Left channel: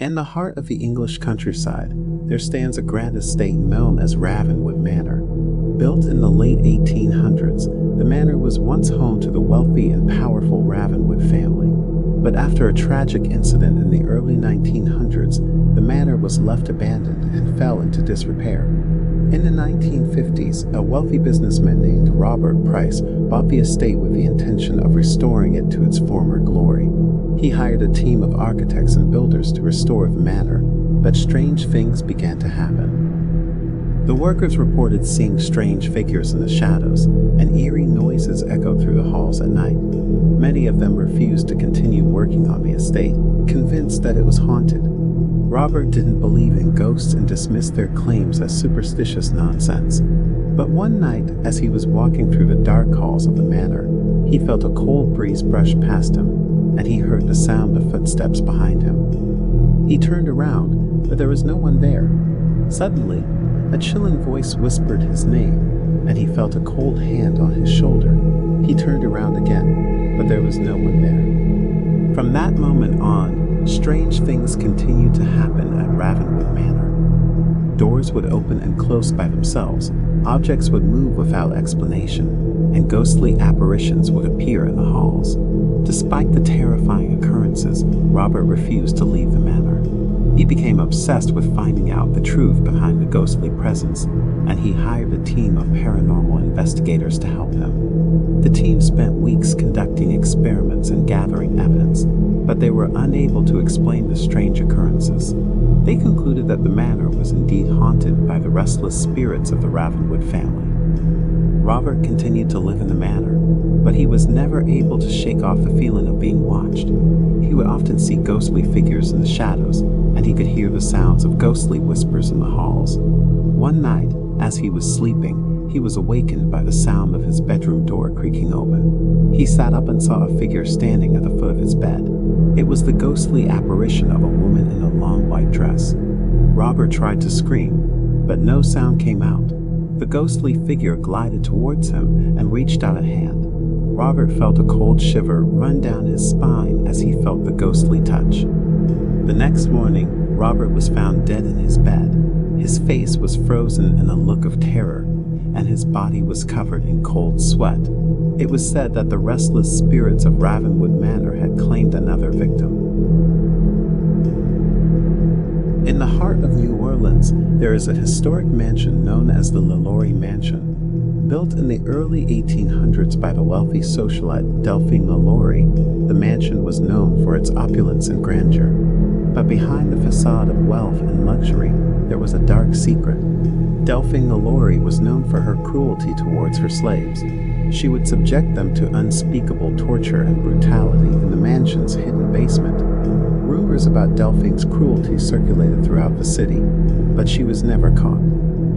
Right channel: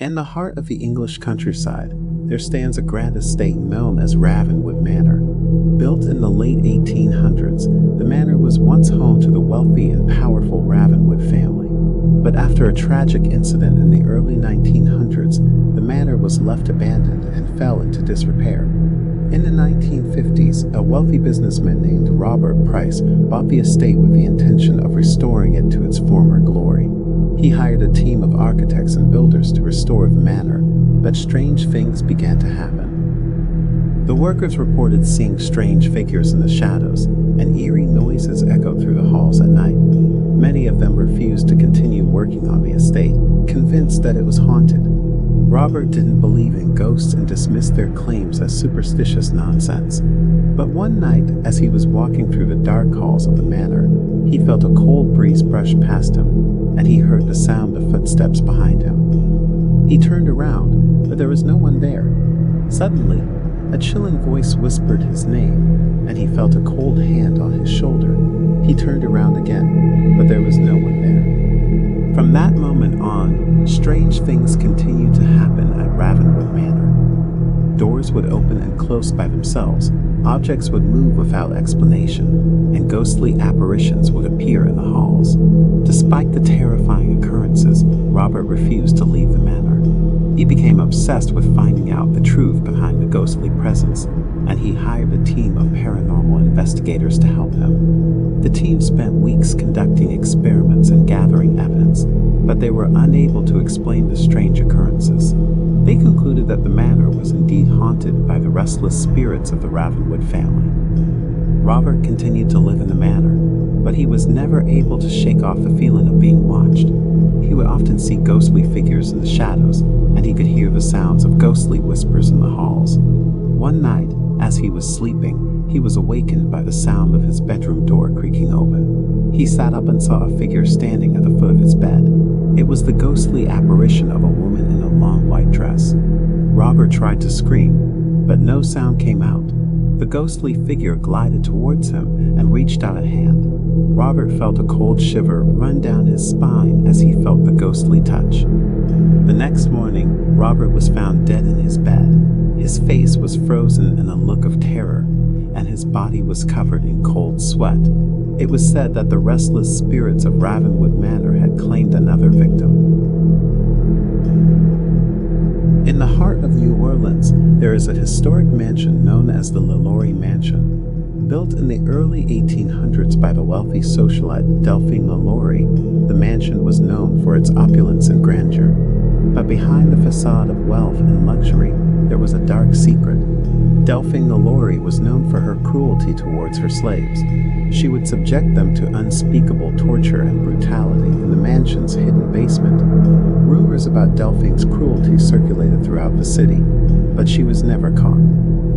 In the heart of the English countryside, there stands a grand estate known as Ravenwood Manor. Built in the late 1800s, the manor was once home to the wealthy and powerful Ravenwood family. But after a tragic incident in the early 1900s, the manor was left abandoned and fell into disrepair. In the 1950s, a wealthy businessman named Robert Price bought the estate with the intention of restoring it to its former glory. He hired a team of architects and builders to restore the manor, but strange things began to happen. The workers reported seeing strange figures in the shadows, and eerie noises echoed through the halls at night. Many of them refused to continue working on the estate, convinced that it was haunted. Robert didn't believe in ghosts and dismissed their claims as superstitious nonsense. But one night, as he was walking through the dark halls of the manor, he felt a cold breeze brush past him, and he heard the sound of footsteps behind him. He turned around, but there was no one there. Suddenly, a chilling voice whispered his name, and he felt a cold hand on his shoulder. He turned around again, but there was no one there. From that moment on, strange things continued to happen at Ravenwood Manor. Doors would open and close by themselves, objects would move without explanation, and ghostly apparitions would appear in the halls. Despite the terrifying occurrences, Robert refused to leave the manor. He became obsessed with finding out the truth behind the ghostly presence, and he hired a team of paranormal investigators to help him. The team spent weeks conducting experiments and gathering evidence, but they were unable to explain the strange occurrences. They concluded that the manor was indeed haunted by the restless spirits of the Ravenwood family. Robert continued to live in the manor, but he was never able to shake off the feeling of being watched. He would often see ghostly figures in the shadows, and he could hear the sounds of ghostly whispers in the halls. One night, as he was sleeping, he was awakened by the sound of his bedroom door creaking open. He sat up and saw a figure standing at the foot of his bed. It was the ghostly apparition of a woman in a long white dress. Robert tried to scream, but no sound came out. The ghostly figure glided towards him and reached out a hand. Robert felt a cold shiver run down his spine as he felt the ghostly touch. The next morning, Robert was found dead in his bed. His face was frozen in a look of terror, and his body was covered in cold sweat. It was said that the restless spirits of Ravenwood Manor had claimed another victim. In the heart of New Orleans, there is a historic mansion known as the LaLaurie Mansion. Built in the early 1800s by the wealthy socialite Delphine LaLaurie, the mansion was known for its opulence and grandeur. But behind the facade of wealth and luxury, there was a dark secret. Delphine LaLaurie was known for her cruelty towards her slaves. She would subject them to unspeakable torture and brutality in the mansion's hidden basement. Rumors about Delphine's cruelty circulated throughout the city, but she was never caught.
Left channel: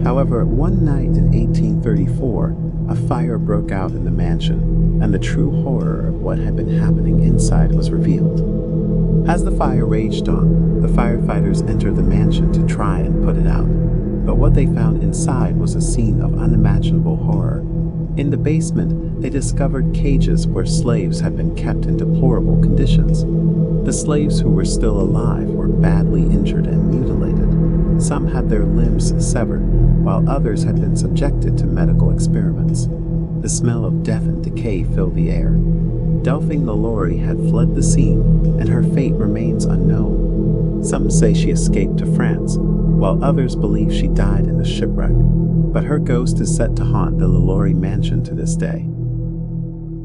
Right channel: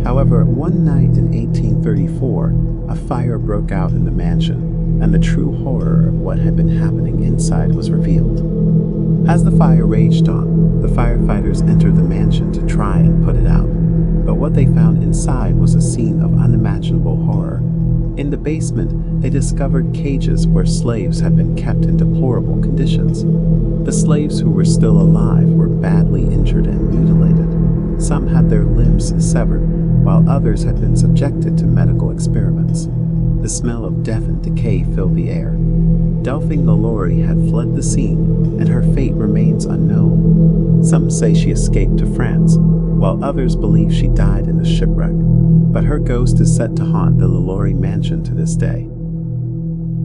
However, one night in 1834, a fire broke out in the mansion, and the true horror of what had been happening inside was revealed. As the fire raged on, the firefighters entered the mansion to try and put it out. But what they found inside was a scene of unimaginable horror. In the basement, they discovered cages where slaves had been kept in deplorable conditions. The slaves who were still alive were badly injured and mutilated. Some had their limbs severed, while others had been subjected to medical experiments. The smell of death and decay filled the air. Delphine LaLaurie had fled the scene, and her fate remains unknown. Some say she escaped to France, while others believe she died in the shipwreck. But her ghost is set to haunt the LaLaurie Mansion to this day.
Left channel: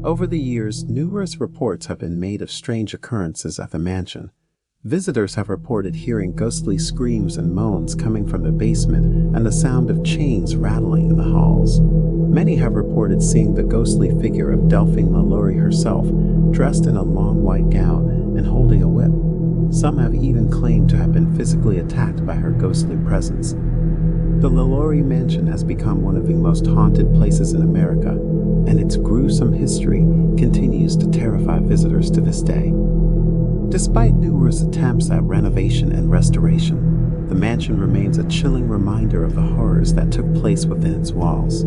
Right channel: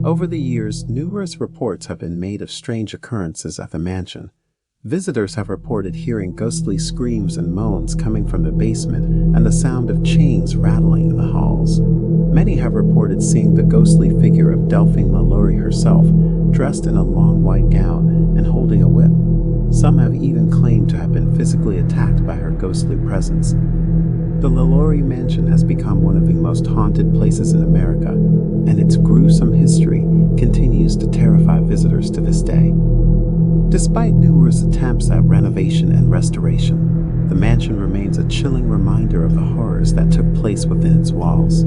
Over the years, numerous reports have been made of strange occurrences at the mansion. Visitors have reported hearing ghostly screams and moans coming from the basement and the sound of chains rattling in the halls. Many have reported seeing the ghostly figure of Delphine LaLaurie herself, dressed in a long white gown and holding a whip. Some have even claimed to have been physically attacked by her ghostly presence. The LaLaurie Mansion has become one of the most haunted places in America, and its gruesome history continues to terrify visitors to this day. Despite numerous attempts at renovation and restoration, the mansion remains a chilling reminder of the horrors that took place within its walls.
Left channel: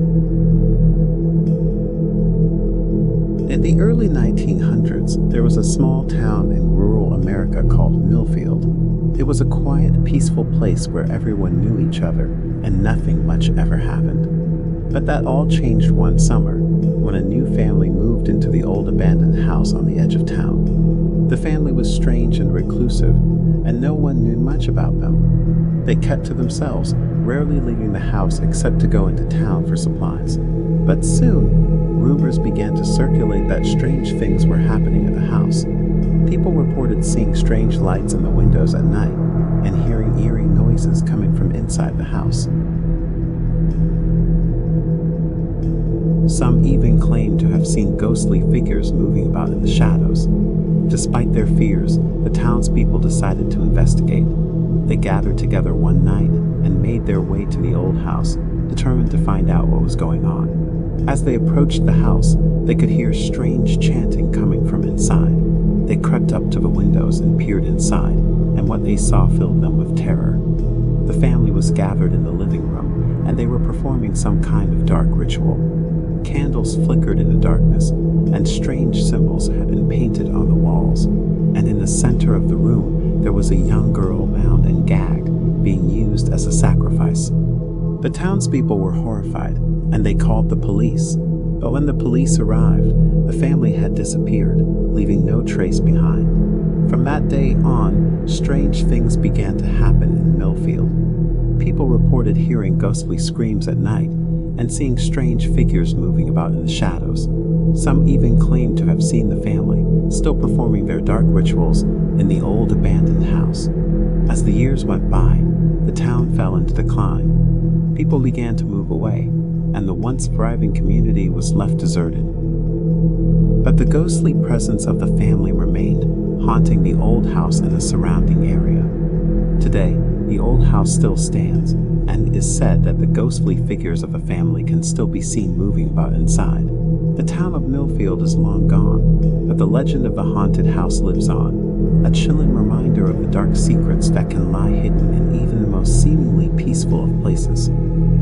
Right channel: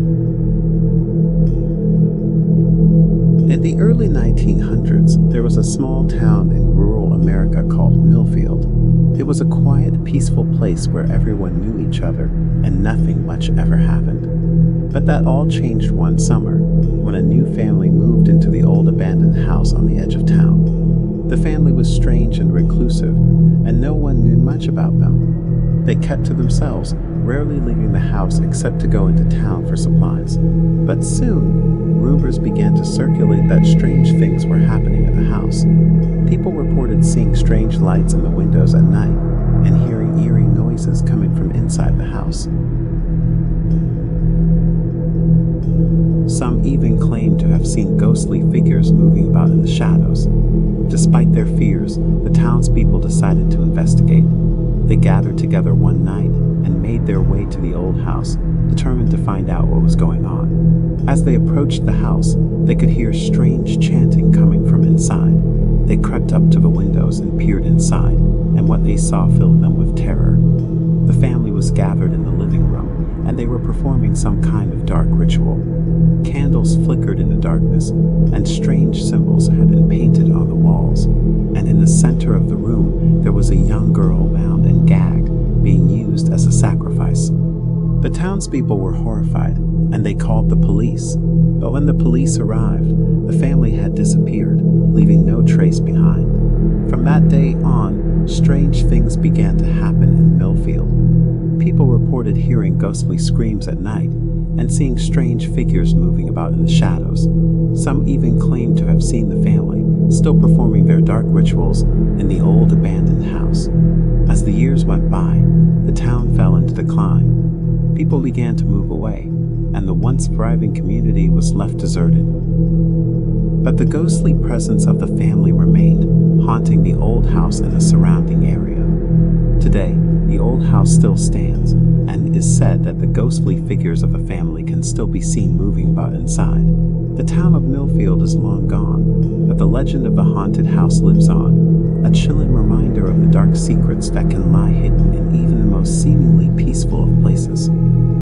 In the early 1900s, there was a small town in rural America called Millfield. It was a quiet, peaceful place where everyone knew each other and nothing much ever happened. But that all changed one summer when a new family moved into the old abandoned house on the edge of town. The family was strange and reclusive, and no one knew much about them. They kept to themselves, rarely leaving the house except to go into town for supplies. But soon, rumors began to circulate that strange things were happening at the house. People reported seeing strange lights in the windows at night and hearing eerie noises coming from inside the house. Some even claimed to have seen ghostly figures moving about in the shadows. Despite their fears, the townspeople decided to investigate. They gathered together one night and made their way to the old house, determined to find out what was going on. As they approached the house, they could hear strange chanting coming from inside. They crept up to the windows and peered inside, and what they saw filled them with terror. The family was gathered in the living room, and they were performing some kind of dark ritual. Candles flickered in the darkness, and strange symbols had been painted on the walls. And in the center of the room, there was a young girl bound and gagged, being used as a sacrifice. The townspeople were horrified, and they called the police. But when the police arrived, the family had disappeared, leaving no trace behind. From that day on, strange things began to happen in Millfield. People reported hearing ghostly screams at night and seeing strange figures moving about in the shadows. Some even claimed to have seen the family still performing their dark rituals in the old abandoned house. As the years went by, the town fell into decline. People began to move away, and the once thriving community was left deserted. But the ghostly presence of the family remained, haunting the old house and the surrounding area. Today, the old house still stands, and it is said that the ghostly figures of the family can still be seen moving about inside. The town of Millfield is long gone, but the legend of the haunted house lives on, a chilling reminder of the dark secrets that can lie hidden in even the most seemingly peaceful of places.